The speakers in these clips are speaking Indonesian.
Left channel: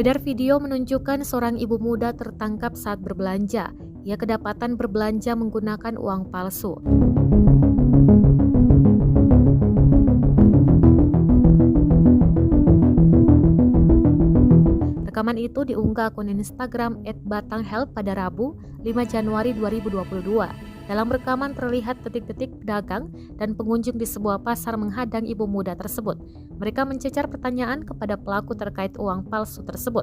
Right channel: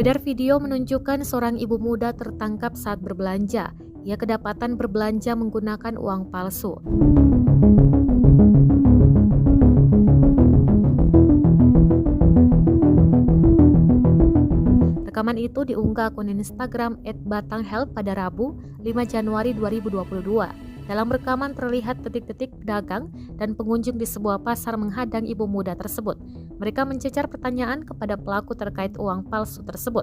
Beredar video menunjukkan seorang ibu muda tertangkap saat berbelanja. Ia kedapatan berbelanja menggunakan uang palsu. Rekaman itu diunggah akun Instagram @batanghelp pada Rabu, 5 Januari 2022. Dalam rekaman terlihat detik-detik pedagang dan pengunjung di sebuah pasar menghadang ibu muda tersebut. Mereka mencecar pertanyaan kepada pelaku terkait uang palsu tersebut.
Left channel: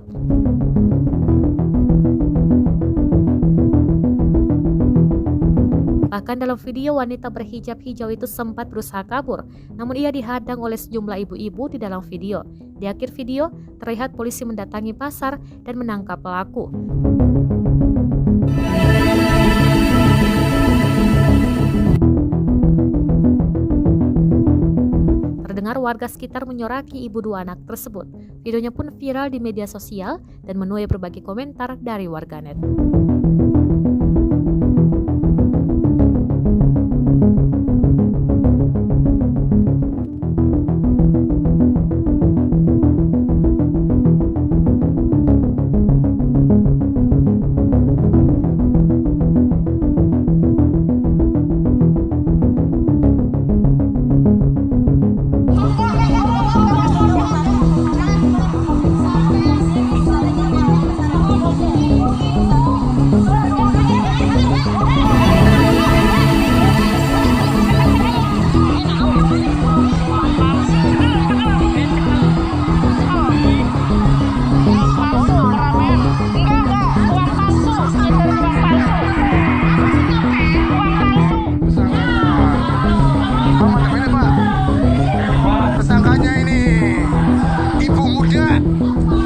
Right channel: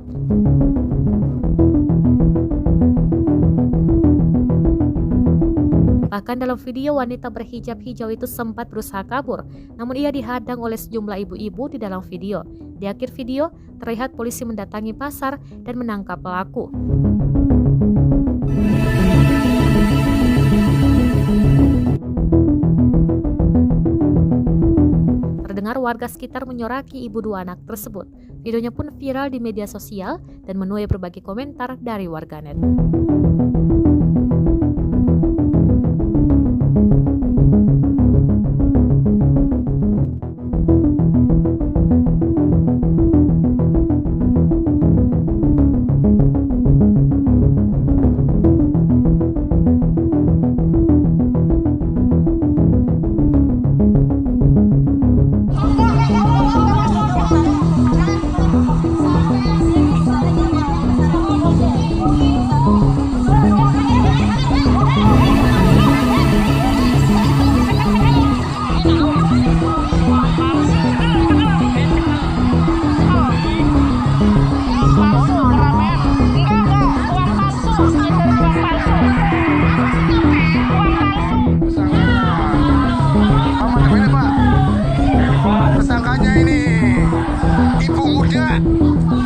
Bahkan dalam video, wanita berhijab hijau itu sempat berusaha kabur, namun ia dihadang oleh sejumlah ibu-ibu di dalam video. Di akhir video, terlihat polisi mendatangi pasar dan menangkap pelaku. Terdengar warga sekitar menyoraki ibu dua anak tersebut. Videonya pun viral di media sosial dan menuai berbagai komentar dari warganet.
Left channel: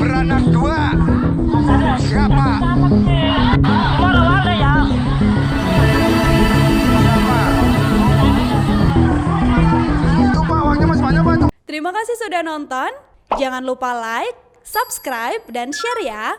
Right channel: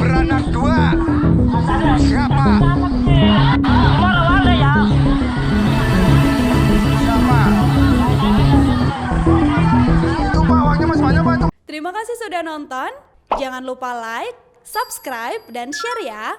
Beranak dua, siapa? Siapa? Itu Pak, uangnya masih banyak Pak. Terima kasih sudah nonton. Jangan lupa like, subscribe, dan share ya.